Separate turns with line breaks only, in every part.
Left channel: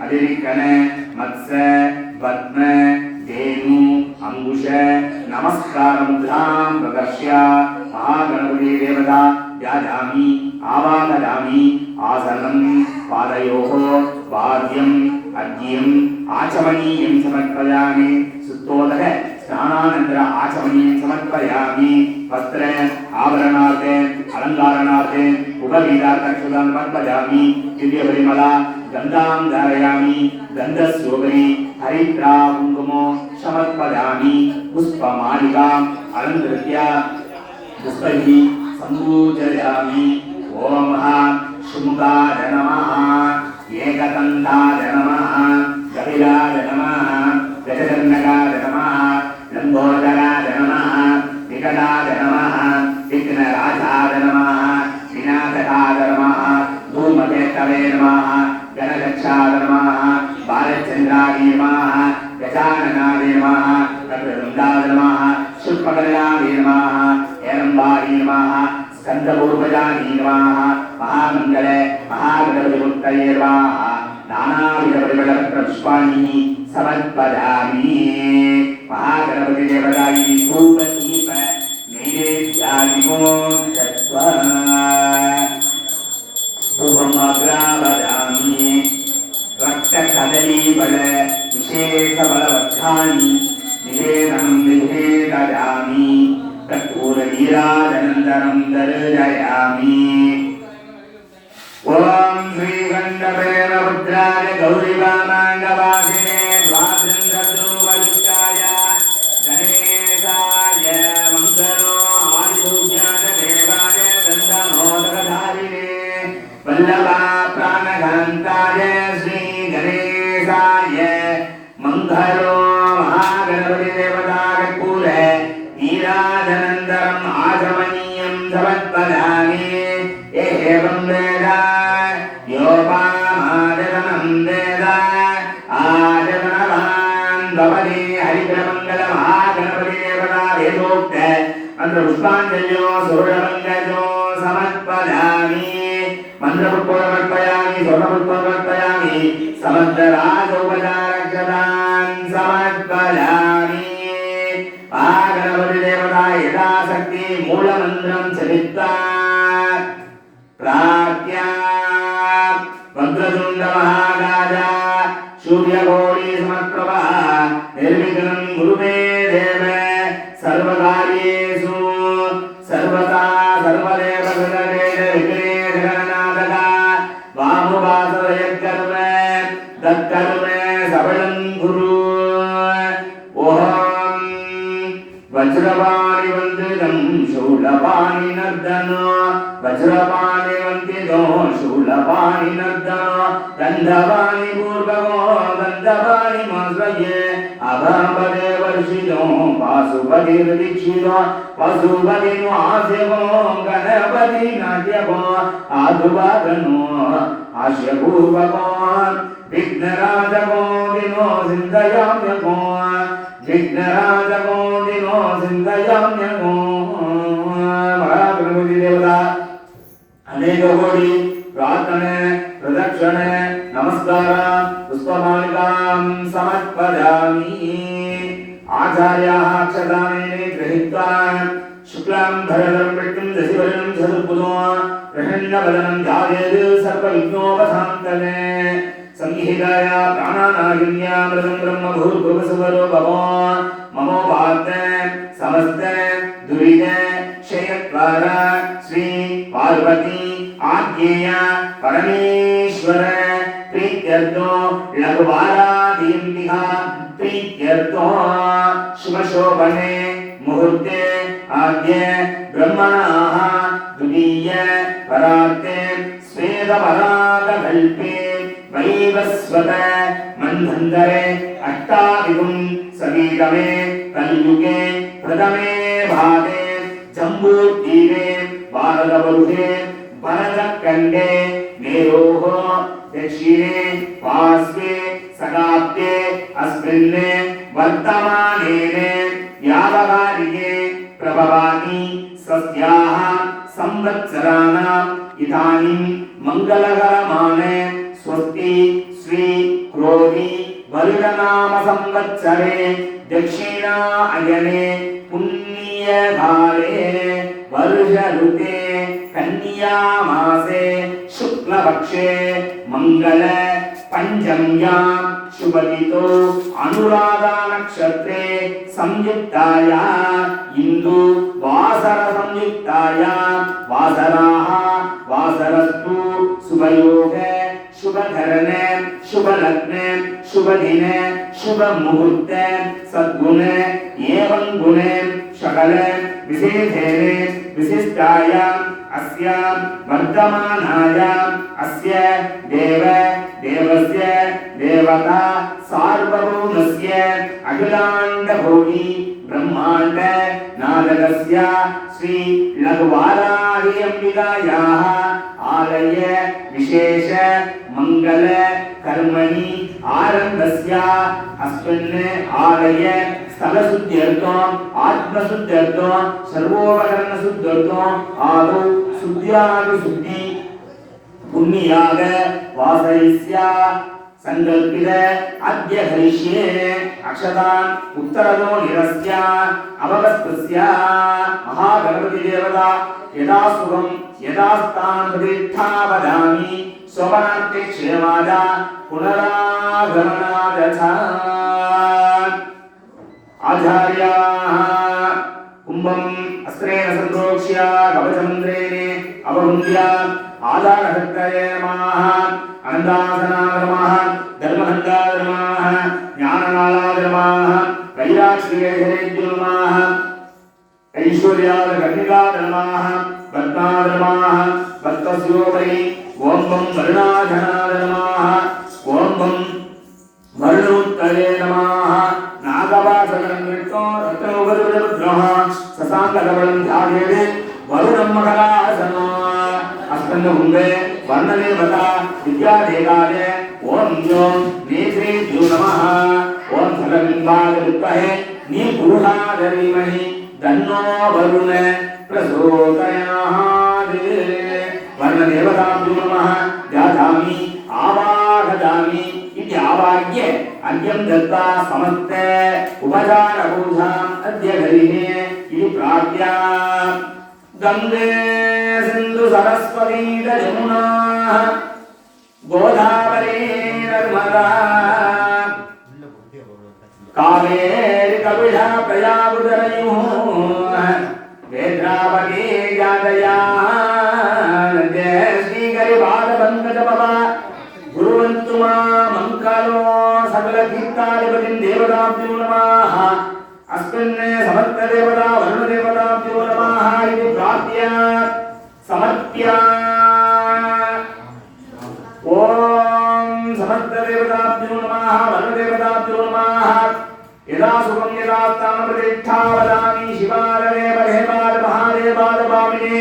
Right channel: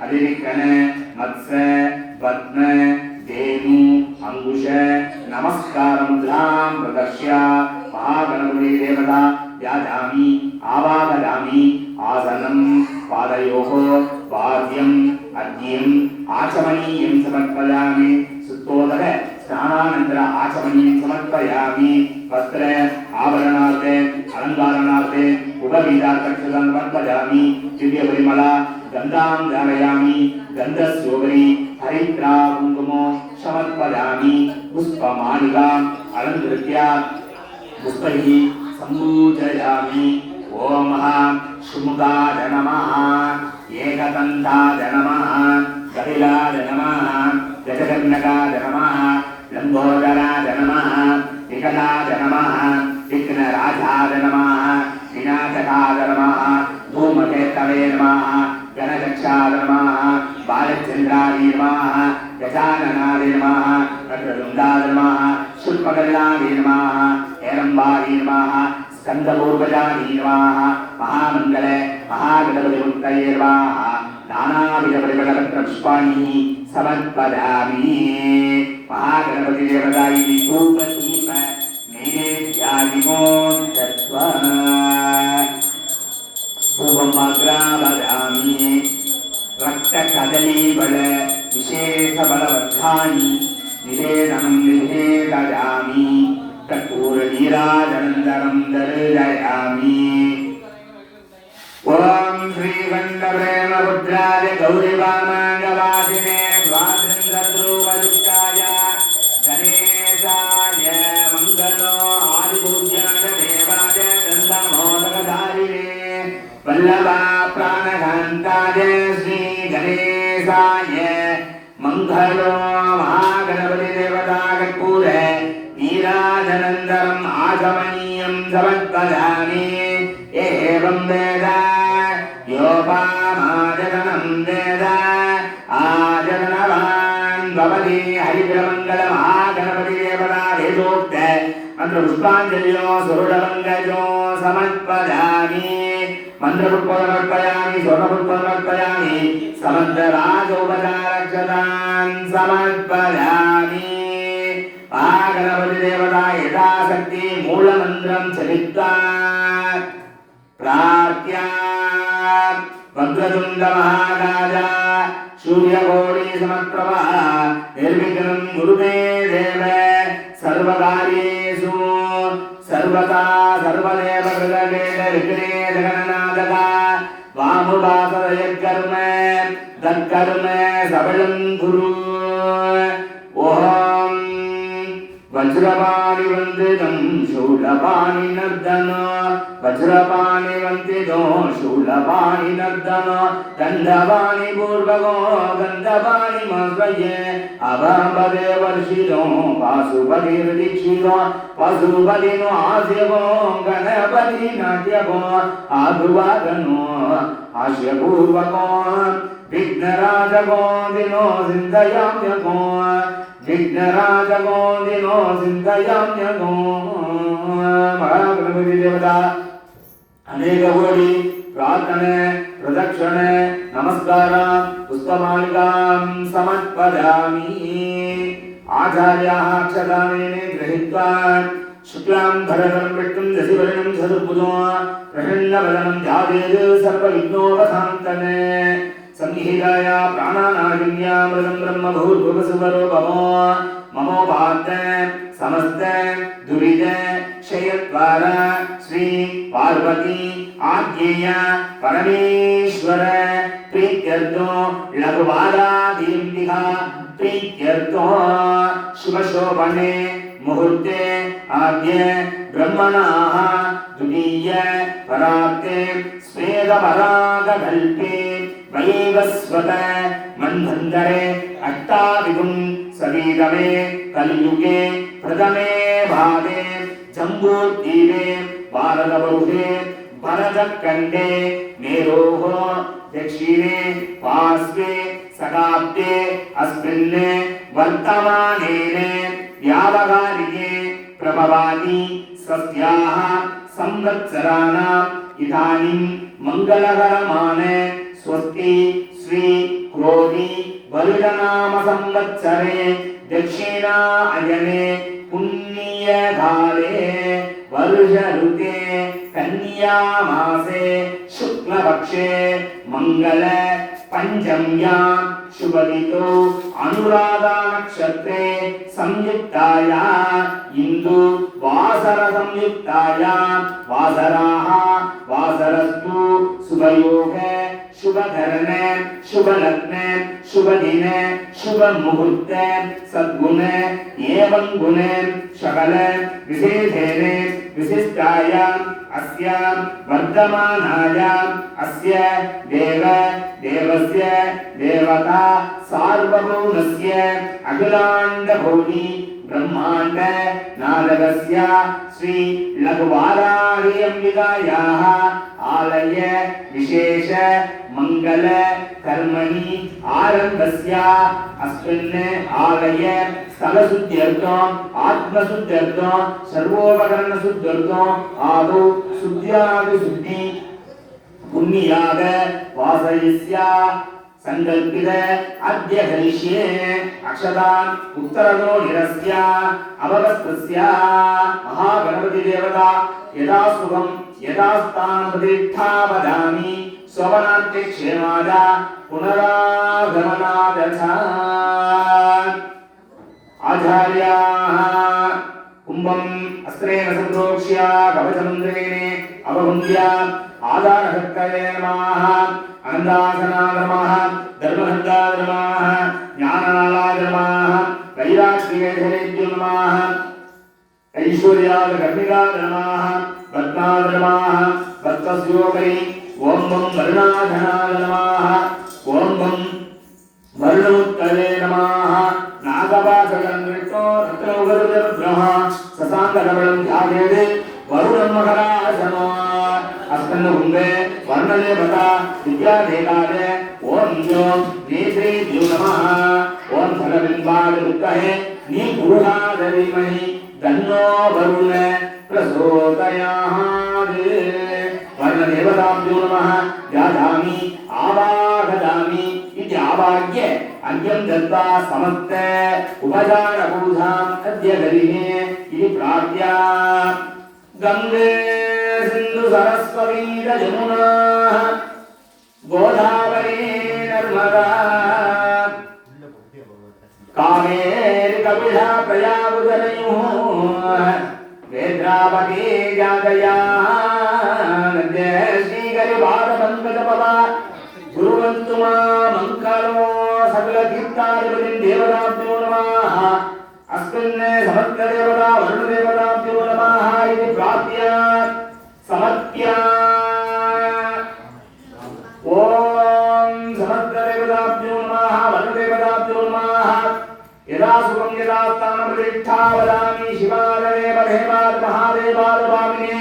அதிரிக்கன மத்ச பத்ம தேனு அங்குஷ நமஸ்கார முத்ராம் பிரதர்ஷ்ய மகாகணபதி தேவதா யாஜாமி ஆவாகராமி ஆசனம் பாதயோகோ வாத்தியம் அக்னியம் ஆச்சமனீயம் சமர்ப்பயாமி சுத்தோதக ஸ்நானானந்தர ஆச்சமனீயம் சமர்ப்பயாமி வஸ்திர ஆபரணார்த்தே அலங்காரணார்த்தே உபவீதார்த்த சமர்ப்பயாமி திவ்ய பரிமலா గంధాం ధారయామి గంధస్యోగరి హరిద్రా కుంకుమో సమర్పయామి పుష్పమాలికాం అలంకృత్య పుష్పై సంపూజయామి ఓం శుముఖాయ నమ ఏకదంతాయ నమ గదిరా தத்வானி நிவேதம் நிவேதயாமி கற்பூர நீராஜனந்தரம் தருதயாமி ஓம் ஸ்ரீகண்டபேன ருத்ராய మంత్ర పుష్పాంజల్యో సమర్పయామి. మంత్రపుష్పమర్పయామి స్వర్ణపుష్పమర్పయామి సమర్థరాజోపచారక్షతాన్ సమర్పయామి. మహాగణపతి దేవత యథాశక్తి మూలమంత్రం చలిత్తా ప్రాప్య. వక్రతుండ మహారాజ దక్కర్మ సబలం గురు ఓహం వజ్రపాణి వందితం శూలపాణి నర్దనో వజ్రపాణి వందితో శూలపాణి నర్దనో దండపాణి పూర్వగో దండపాణి మస్వయే అభంబదే వర్షితో పాశుపతి దీక్షితో పశుపతిను ఆశయమో గణపతి నాట్యమో ఆదువాదనో ఆశయపూర్వకో విఘ్నరాజమో వినో విఘ్నరాజమో వినో సింధయామ్యమో మహాగణపతి దేవత అనేక కోటి ప్రార్థನೆ ప్రదక్షిణೆ నమస్కార పుష్పమాలికాం సమర్పయామి ఆచార్యాः అక్షదానేనే గృహీత్వా శుక్లాం ధరణం విష్ణుం దశివరణం చతుర్భుజో ప్రసన్నవదనం ధ్యాయేత్ సర్వవిఘ్నోపశాంతనే సంహితాయ ప్రాణానాగిన్యామృతం బ్రహ్మ భవో మమోపాత్త సమస్త దురిత క్షయద్వార శ్రీ పార్వతీ ఆజ్ఞేయ పరమేశ్వర ప్రీత్యర్థో లఘువారాదీందిహ ప్రీత్యర్థో శుభశోభనే ముహూర్తే ఆద్య బ్రహ్మణాః ద్వితీయ పరార్తే స్వేదపరాగకల్పే नयैव स्वत मन्धन्तरे अष्टादिगुम् सवीगमे कल्युगे प्रथमे भागे जम्बूद्वीपे भारतवरुधे भरतखण्डे मेरोः दक्षिणे पार्श्वे शताब्दे अस्मिन् वर्तमानेन व्यावहारिके प्रभवानि सस्याः संवत्सराणाम् इदानीं मङ्गलकरमाण స్మృతి శ్రీ క్రోధి బలిరనామ సంవత్సరే దక్షిణా అయనే పుణ్యకాలే వర్ష ఋతే కన్యామాసే శుక్లపక్షే మంగళ పంచమ్యా శుభలితో అనురాధా నక్షత్రే సంయుక్తాయ ఇందు వాసర సంయుక్తాయ వాసరాహ వాసరస్తు శుభయోగే शुभधरणे, शुभलग्ने शुभ शुभमुहूर्ते, सद्गुणे, एवं गुणे शकले विशेषेणे विशिष्टायाम् अस्यां वर्धमानायाम् अस्य देव, देवस्य, देवता, सार्वभौमस्य ब्रह्माण्ड नारदस्य श्री लघुवाराहि अम्बिकायाः आलय विशेष मङ्गल कर्मणि आरम्भस्य अस्मिन् आलय स्थलशुद्ध्यर्थम् आत्मशुद्ध्यर्थम् सर्वोपकरणशुद्ध्यर्थम् आदौ शुद्ध्यादिशुद्धि पुण्याग वासयिष्या సంకల్పిత అద్య హరిష్యే అక్షతాన్ ఉత్తరదో నిరస్య అవగస్తస్య మహాగణపతి దేవత యదా సుఖం యదా స్థానం ప్రతిష్ఠా వదామి శోభనాట్య క్షేమాద పునరాగమనాదథ. ఆచార్యాः కుంభం అస్త్రేణ సంప్రోక్ష్య కవచమంత్రేణే అవహుంద్యా ఆధారశక్తయే నమః అనందాసనాద నమః ధర్మహందాద నమః జ్ఞాననాళాద నమః వైరాశ్రీయేశ్వరేజ్యో నమః ఐశ్వర్యాద కర్ణికాద నమః భక్తస్యోపరి ఓం వం వరుణాధనాద ఓం వం వరుణోత్తరే నమః నాగవాసకరం విష్ణో రత్నోగరుద్రః ససాంగకబలం ధ్యాయేదే వరుణం మకరాసనో అస్మిన్ హుండే వర్ణదేవత విద్యాదేవాయ ఓం యోం నేత్రేభ్యో నమః ఓం ఫలబింబాయ విద్మహే నీ పురుషాధరీమహి తన్నో వరుణ ప్రసోదయాత్ వర్ణదేవతాభ్యో నమః జాతామి ఆవాహదామి ఇది ఆవాహ్య అర్ఘ్యం దత్వా సమస్త ఉపచార పూజాం అద్య హరిణే ఇది ప్రాప్య గంగే సింధు సరస్వతీ యమునా గోదావరీ నర్మదా కావేరి కపిలా ప్రయాబుధరయు వేద్రావతి జాతయా శ్రీకరి పాద పంకజ గురువంతు మా మంకలో సకల కీర్తాధిపతిం దేవతాభ్యో నమః అస్మిన్ సమర్థ దేవతా వరుణ దేవతాభ్యో నమః ఇది ప్రాప్య సమర్ప్య ఓం సమర్థ దేవతాభ్యో నమః వరుణ దేవతాభ్యో నమః యదా సుఖం యదా స్థానం ప్రతిష్ఠా వదామి శివాలదేవ దేవాద మహాదేవాద భామినే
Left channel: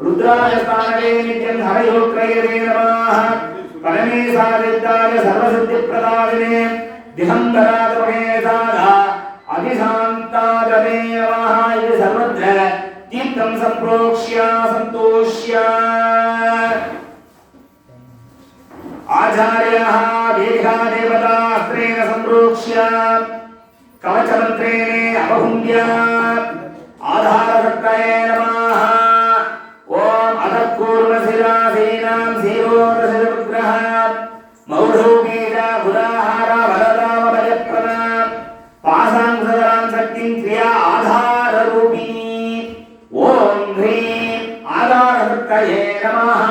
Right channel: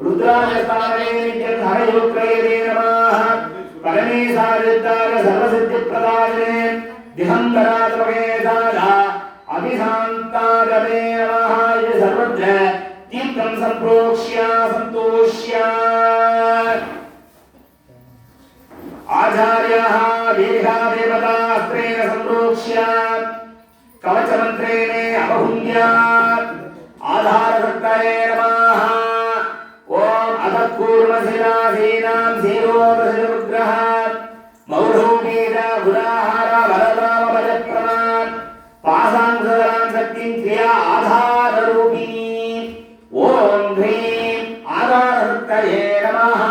రుద్రాయ స్థానవే నిత్యం హరయోక్రయదే నమః పరమేశాదిద్దాయ సర్వసిద్ధిప్రదాదినే దిహంకరాతమహేశాద అధిశాంతాదమే నమః ఇది సర్వత్ర తీర్థం సంప్రోక్ష్య సంతోష్య ఆచార్యాः వేదికా దేవతాస్త్రేణ సంప్రోక్ష్య కవచమంత్రేణే అపహుంద్య ఆధారశక్తయే నమః ఓం అధకూర్మశిలాసీనాం శీరోదశవిగ్రహ మౌఢోగీత గురాహార బలరామ భజప్రద పాసాంసదరాం శక్తిం క్రియా ఆధార నమః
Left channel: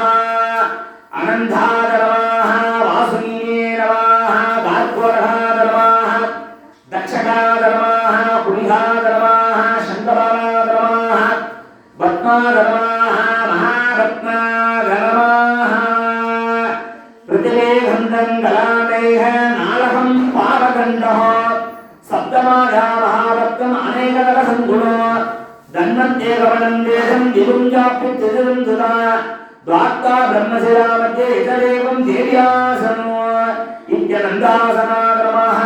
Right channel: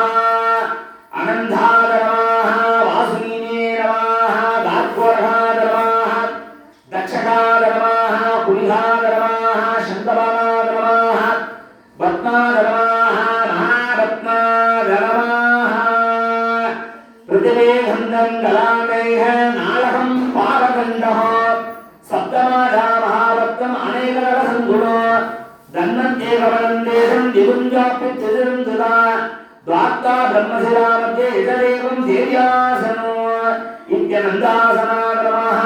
అనంధాద నమః వాసునీయే నమః గార్గోర్హాద నమః దక్షకాద నమః కులిహాద నమః శంతబాలాద నమః పద్మాద నమః మహారత్నాద నమః పృథివీగంధం గలాండైః నాళకం పాలకండః సప్తమాధా మహారత్నం దేశం దిగుంజాప్తి దునా బ్రహ్మశిలా మధ్య దేవ్యాసనో ఇత్యనందాసనాక్రమాః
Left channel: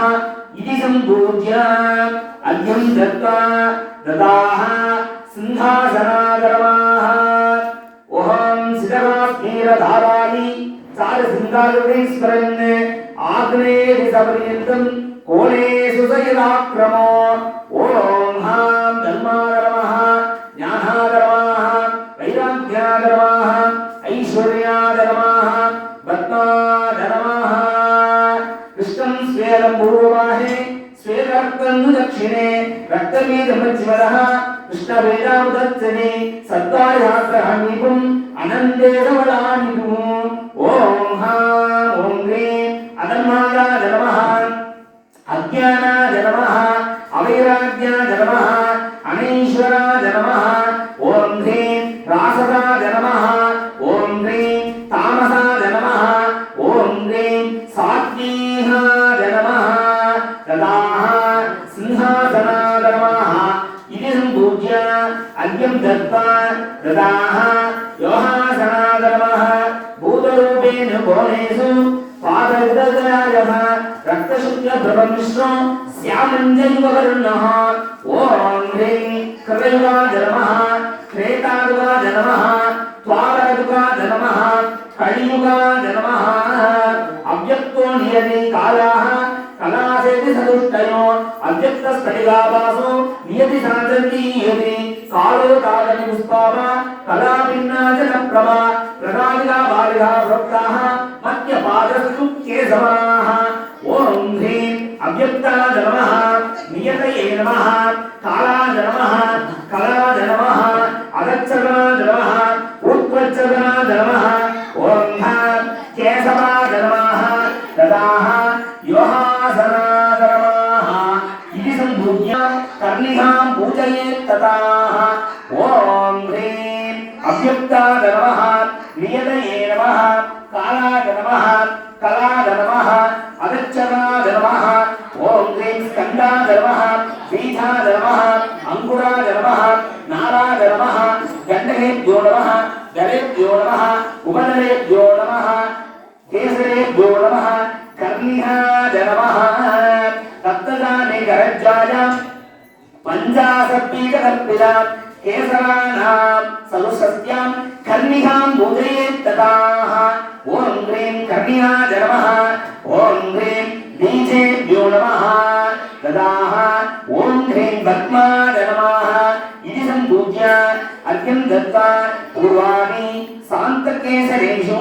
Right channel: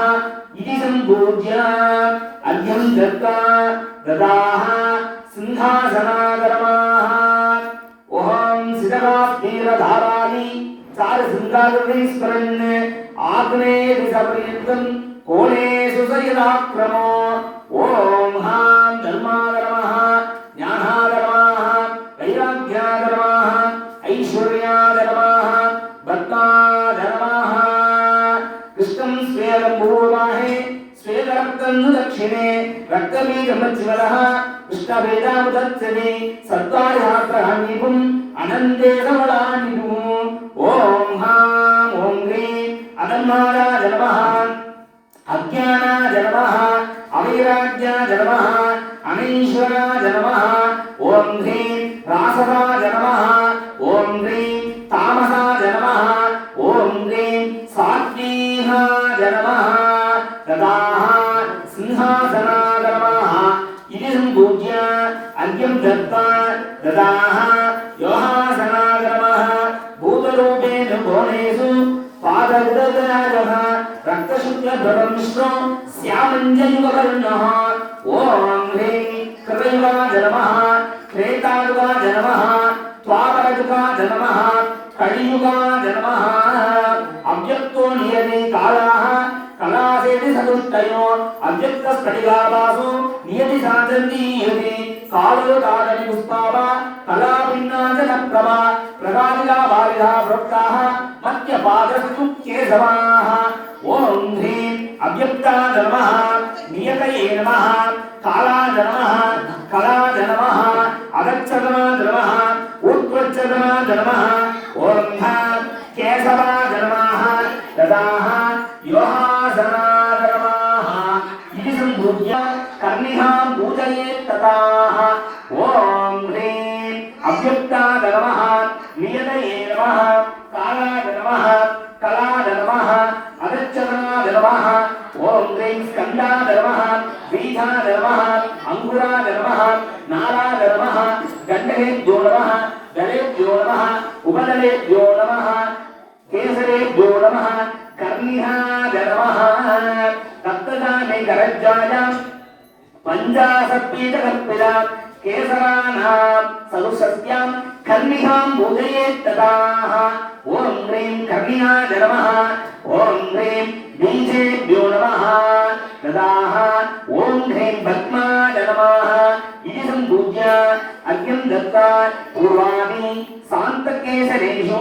ఇది సంపూజ్య అర్ఘ్యం దత్వా దదాః సింహాసనాక్రమాః ఓం శిఖరాత్మీరధారాని చారు సింగాగ్రహి స్మరన్ సపర్యంతం కోణేషు సయదాక్రమో ఓం दक्षिणे रक्तबीजमज्वरः कृष्णवेदामुदच्छति सत्त्वायात्रामीपुम् अनन्ते समल श्यामञ्जन्ववर्णः శ్రీమన్యాయ నమ ఓం హ్రీం బీజేభ్యో నమ. దదాహ ఓం హ్రీం భక్మాయ నమ. ఇది సంపూజ్య. అర్ఘ్యం దత్వా పూర్వాణి శాంతకేశరేషు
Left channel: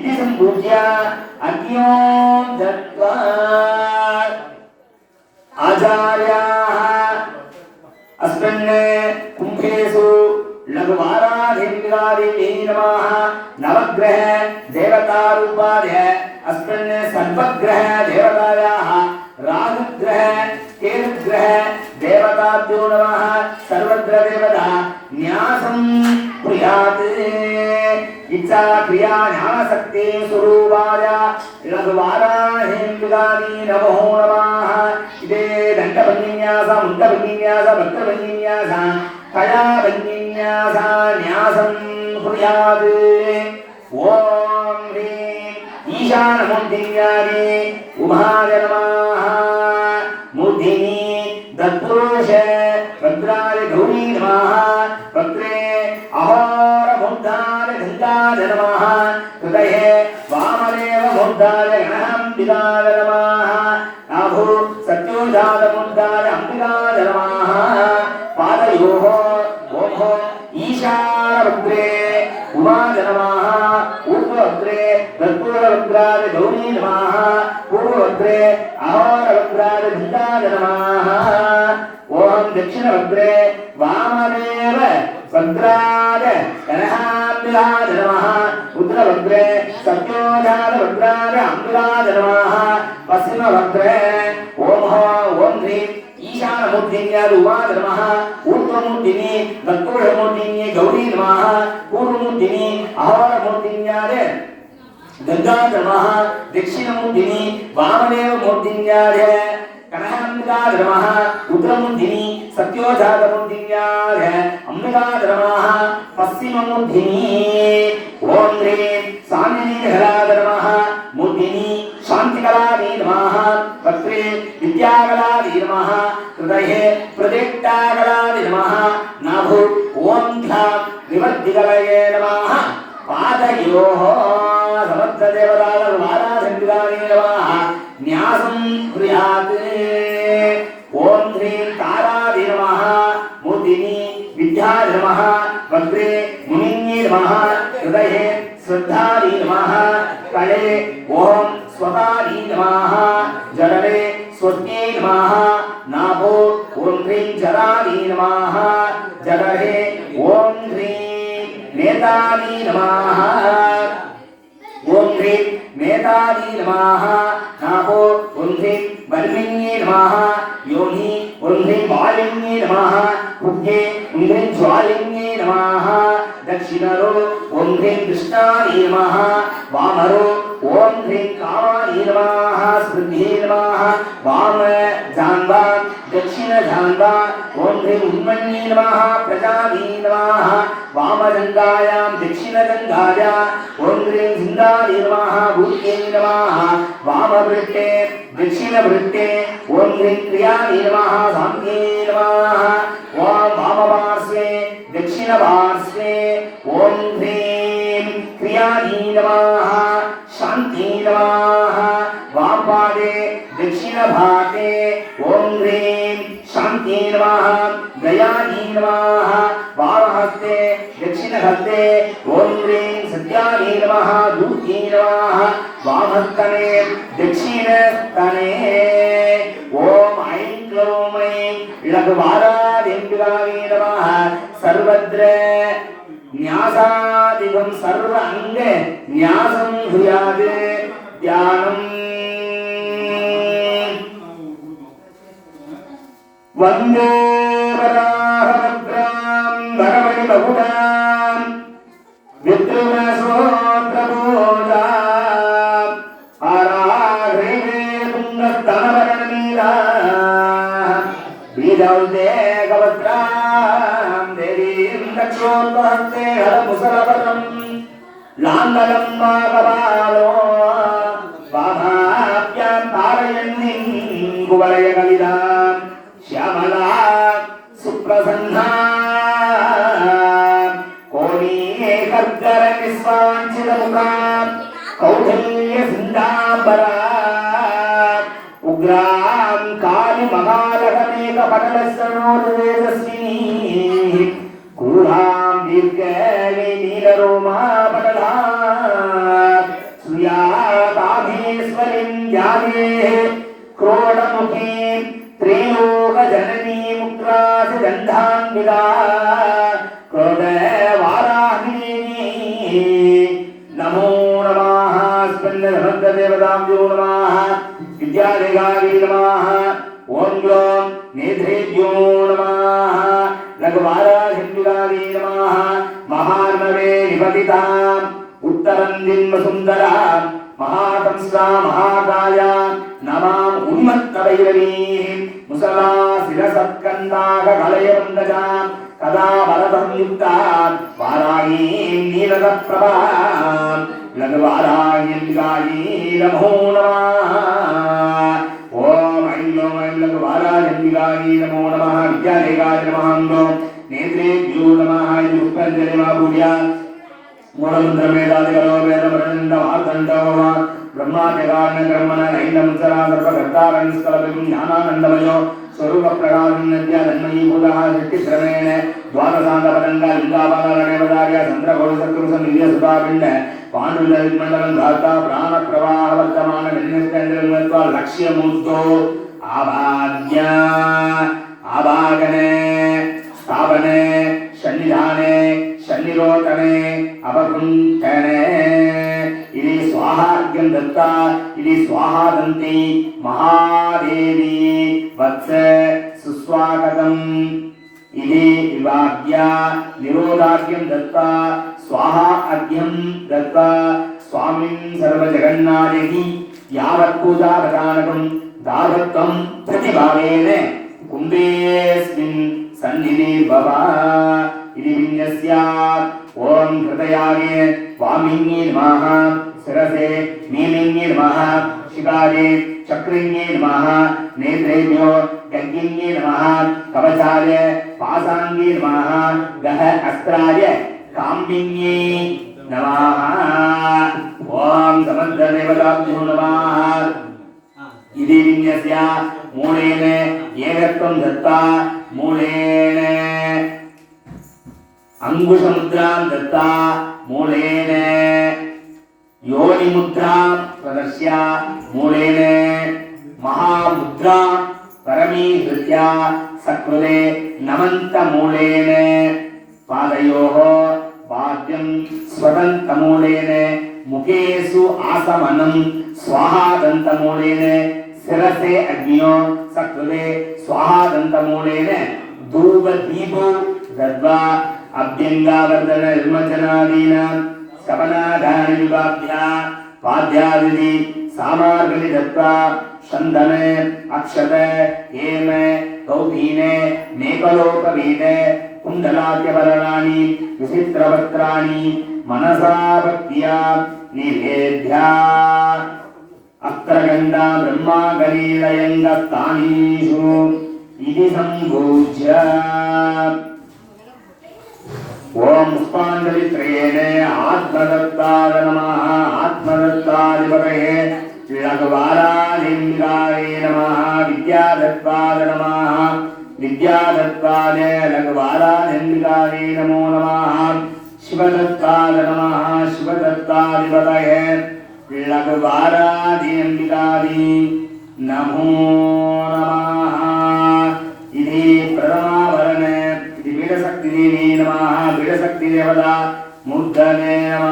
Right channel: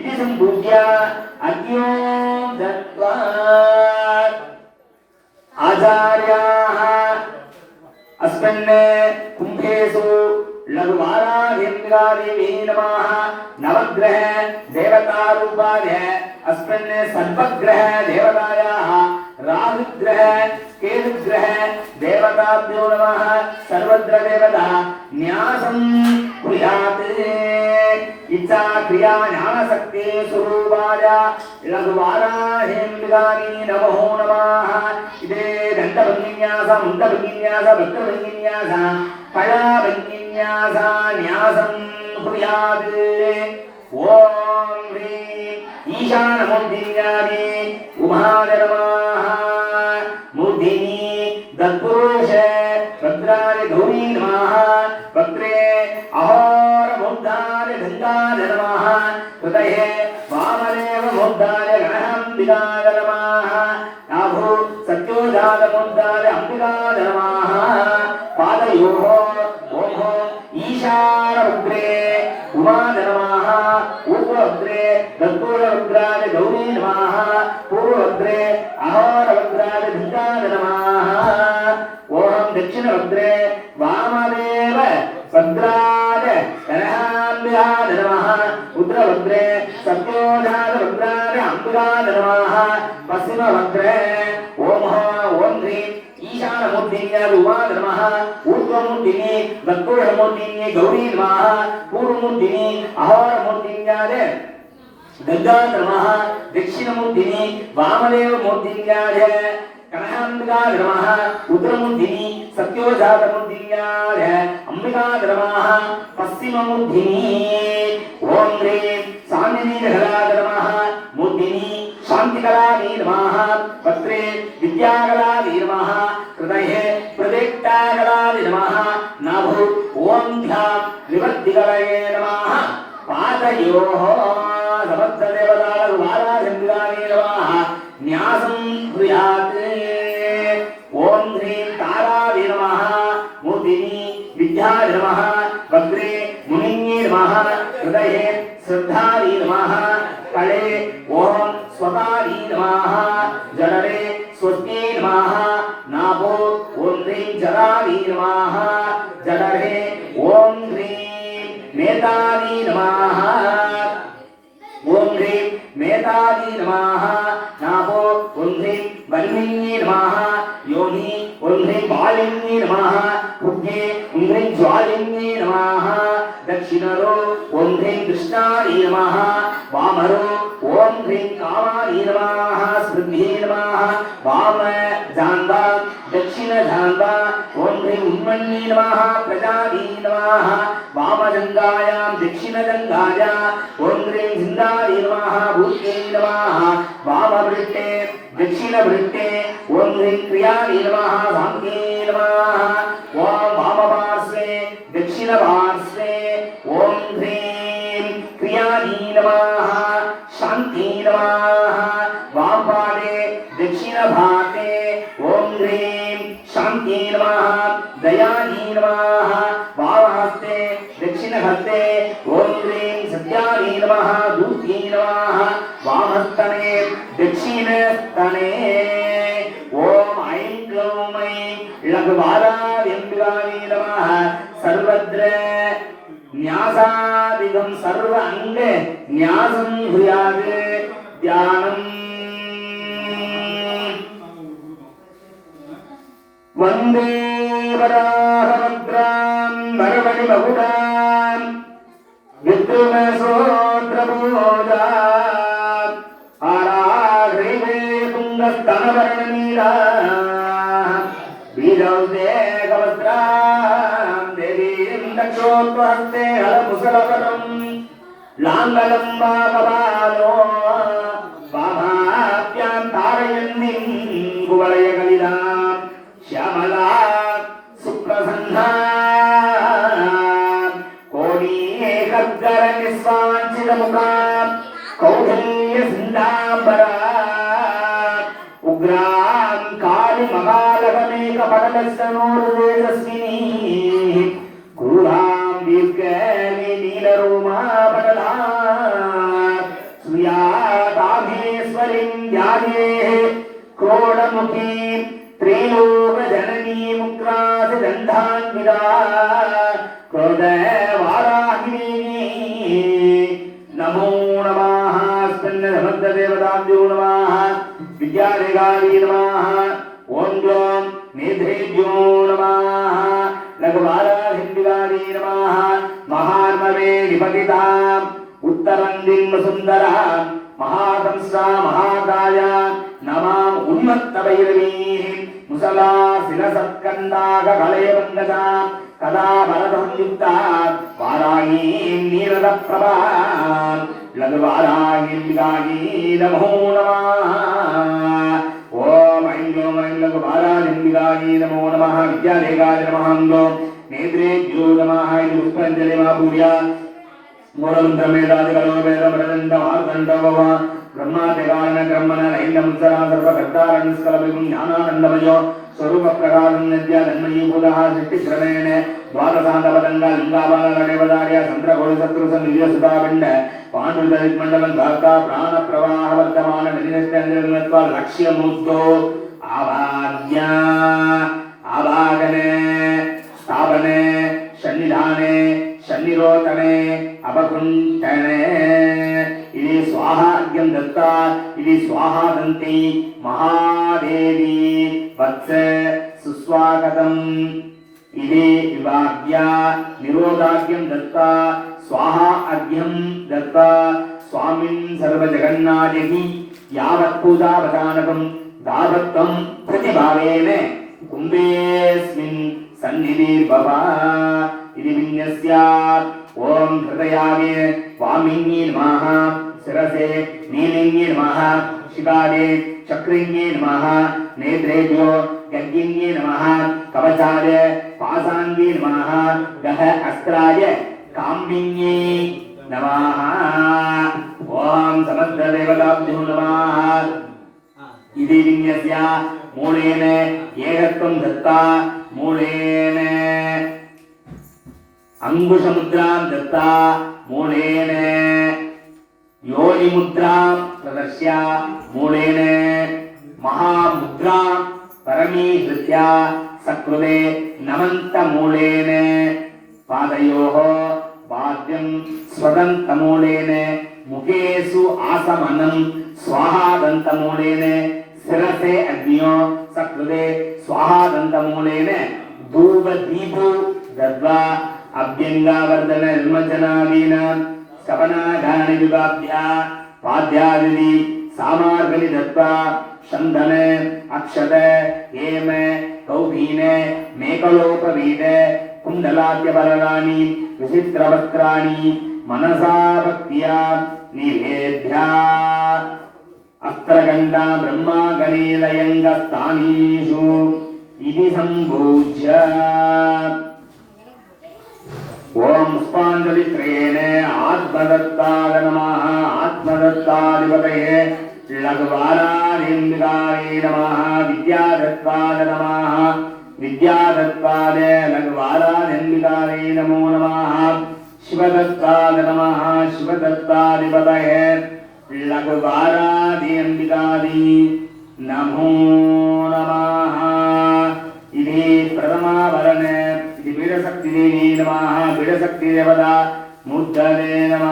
इति सम्पूज्य अज्ञो दत्त्वा आचार्याः अस्मिन् कुम्भेषु लघुवाराधिङ्गादिभिः नमः नवग्रह देवतारूपाय अस्मिन् सर्वग्रह देवतायाः राहुग्रह केतुग्रह देवताभ्यो नमः सर्वत्र देवता न्यासं कुर्यात् ఇచ్చా క్రియా జ్ఞానశక్తి స్వరూపాయ లఘువారాహిందాని నమో నమః ఇదే దండభంగిన్యాస ముండభంగిన్యాస భక్తభంగిన్యాస కళాభంగిన్యాస న్యాసం కుర్యాత్ ఓం హ్రీం ఈశానమూర్తిన్యాది ఉమాగరమాహ. మూర్తిని దత్పురుష రుద్రాయ గౌరీ నమః. పత్రే గణాంబికాయ నమః నాభో పశ్చిమభద్రే ఓం ఓం హ్రీం ఈశానమూర్తిన్యాది ఉమాద నమః ఊర్ధ్వమూర్తిని దత్తూఢమూర్తిని గౌరీ నమః పూర్వమూర్తిని అహోరమూర్తిన్యాదే గంగాధర నమః దక్షిణమూర్తిని వామదేవమూర్తిన్యాదే కనకాంబికాధర నమః ఉత్తరమూర్తిని సత్యోజాతమూర్తిన్యాదే అంబికాధర నమః పశ్చిమమూర్తిని ఓం హ్రీం సాందినీధరాధర నమః మూర్తిని శాంతికళావీ నమః వక్త్రే విద్యాకళావీ నమః హృదయే ప్రదిక్టాకళావీ నమః నాభు ఓం ధ్యాం నివర్తికలయే నమః పాదయోః సమర్థదేవతాలకు న్యాసం దక్షిణ జాన్వా ఓం హ్రీం ఉన్మన్యే నమః ప్రజావీ నమః వామజంగాయాం దక్షిణజంగాయ ఓం హ్రీం జిందాయ నమః భూత్యై నమః వామవృట్టే దక్షిణవృట్టే ఓం హ్రీం క్రియావీ నమః సాంఖ్యే నమః ఓం వామపార్శ్వే దక్షిణపార్శ్వే ఓం హ్రీం క్రియావీ నమః శాంతి నమః వామపాదే దక్షిణభాగే ఓం హ్రీం శాంతి నమః దయానీ నమః వామహస్తే దక్షిణహస్తే ఓం హ్రీం సత్యానీ నమః దూతీ నమః వామస్తనే దక్షిణస్తనే ఓం ఐం క్లౌం ఐం లఘువారాదింగావీ నమః సర్వద్ర న్యాసాదిగం సర్వ అంగ న్యాసం భూయాద్ వందే వరాహభద్రాం భగవతి బహుడాం విద్రుమసోద్రబోధా హరాగ్రీవే బీజౌదే గవత్రాం దేవీం దక్షోత్వహస్తే హరముసలపదం లాంగలం మాగబాలో ఉగ్రాం కాలు మగాలకమేక పటలస్సనోర్వేదస్విని క్రూరాం దీర్ఘమే నీలరోమాపటలా సుయాతాభీశ్వరిం ధ్యానే మహార్ణవే నిపతితాం ఉత్తరం దిమ్మ సుందర మహాకంసా మహాకాయ నమాం ఉన్మత్తవైరవీ ముసలా శిరసత్కందాక కలయబంధజా కదా వరదం యుక్త వారాహీం నీరద ప్రభా లఘువారాహీం గాయీ నమో నమః ఓం ఐం ఐం లఘువారాహీం గాయీ నమో నమః విద్యాలేగాయ నమః மூலம் தமிழாதிகளோவேதமரந்தமார்த்தண்டபவா பிரம்மாதிகாரண கர்மன ஐந்தம் சர்வகர்த்தாரணிஸ்தலபிம் ஞானானந்தமயோ. ஸ்வரூப பிரகாரம் நித்யா தன்மயி பூதா சிருஷ்டி கிரமேண ద్వాదశాంతపదంగా ఇందాపద నడేవదార్య చంద్రగోళ సత్పురుష నిజ అపకుంఠనే ఇది స్వాహార్ఘ్యం దత్త ఇది స్వాహాదంతి మహాదేవి వత్స సుస్వాగతం. ఇది వివాహ్య నిరోధార్ఘ్యం దత్త స్వాహా అర్ఘ్యం దత్త. స్వామిన్ సర్వజగన్నాథి యావత్ పూజావధానకం దాసత్వం ప్రతిభావేన కుంభేస్మిన్ సన్నిధి భవ. ఇది విన్యస్య ఓం హృదయాగే వామిన్యే నమః శిరసే నీలింగే నమః శిఖాదే చక్రింగే నమః నేత్రేభ్యో గర్గిన్యే నమః కవచాయ పాసాంగే నమః గహ అస్త్రాయ కాంబిన్యే నమః ఓం సమర్థ దేవతాభ్యో నమః ఇది విన్యస్య அங்குசமுத்ராம் தத்தா மூலேன. யோனிமுத்ராம் பிரதர்ஷ்யா மூலேன. மகாமுத்ரா பரமீகிருத்யா சக்ருதே நமந்த மூலேன. பாதையோகோ பாக்கியம் ஸ்வதந்த மூலேன. முகேசு ஆசமனம் ஸ்வாகாதந்த மூலேன. சிரசே அக்னியோ சக்ருதே ஸ்வாகாதந்த மூலேன. தூப தீபோ தத்வா అభ్యంగావర్ధన నిర్మజనాదీన శపనాధాని విభాభ్య పాద్యాది సామార్గని దత్వా చందన అక్షత హేమ కౌపీన మేకలోపవీత కుండలాద్యపరణాని విచిత్రవక్త్రాణి మనసా భక్త్యా నివేద్య అత్రగండ బ్రహ్మాగరీలయంగస్థానీషు ఇది సంభూజ్య ఓం పుష్పాంజలిత్రయేణ ఆత్మదత్తాయ నమః ఆత్మదత్తాధిపతయే లఘుబాలాలింగాయ నమః విద్యాదత్తాయ నమః విద్యాదత్తాయ లఘుబాలాలింగాయ నమో నమః శివదత్తాయ నమః శివదత్తాధిపతయే లఘుబాలాదింగాయ నమో నమః దేవత ముద్దనే నమ.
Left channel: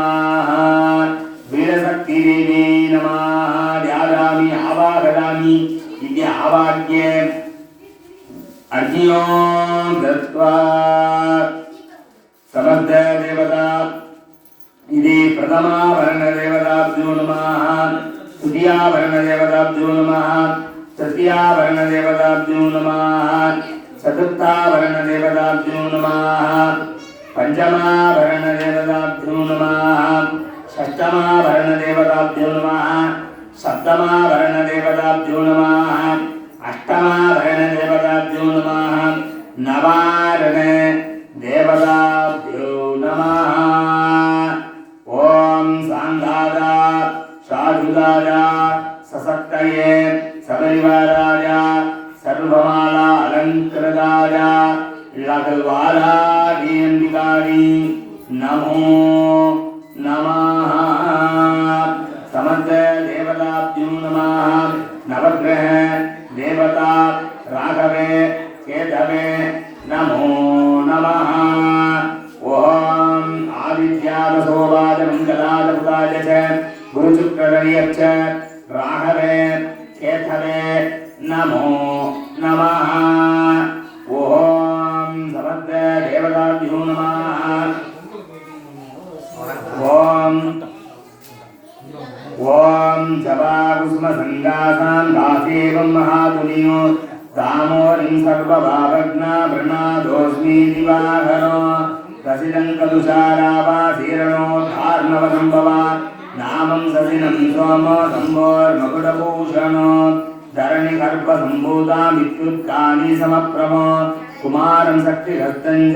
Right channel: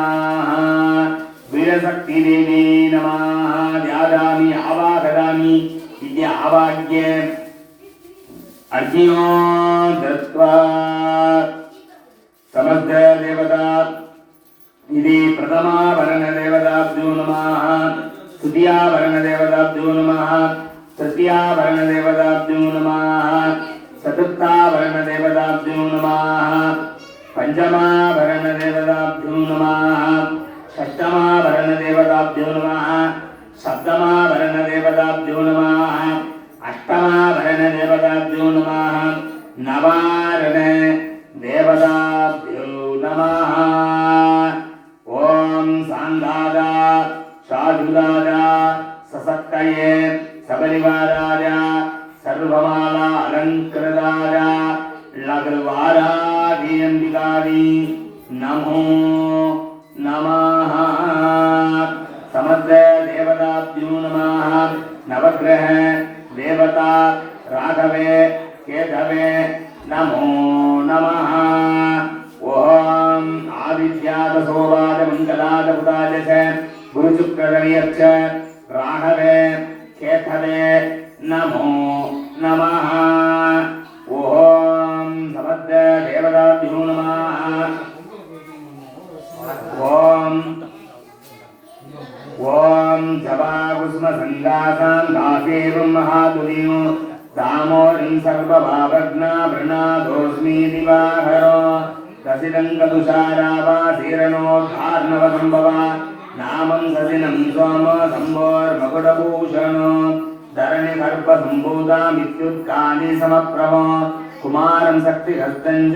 బీడశక్తి దేవి నమ. ధ్యాయామి ఆవాహయామి ఇది ఆవాగ్యే. అర్జునో దత్వా. సమర్థ దేవత. ఇది ప్రథమావరణ దేవతాభ్యో నమ. తృతీయావరణ దేవతాభ్యో నమ. తృతీయావరణ దేవతాభ్యో నమ. చతుర్థావరణ పంచమావరణ దేవతాభ్యో నమ షష్టమావరణ దేవతాభ్యో నమ సప్తమావరణ దేవతాభ్యో నమ नमो नमः। ॐ आदित्यादसोलादमङ्गलादबुदाय च गुरुचुक्रलयश्च राहवे केथले नमो नमः। దశిలంకదుషారావాసీరణోద్ధార్ణవ సంభవ నామం సదినం సోమ సంభోర్మకుటభూషణో ధరణి గర్భ సంభూతామిత్యుత్కాని సమప్రమ. కుమారం శక్తిహస్తం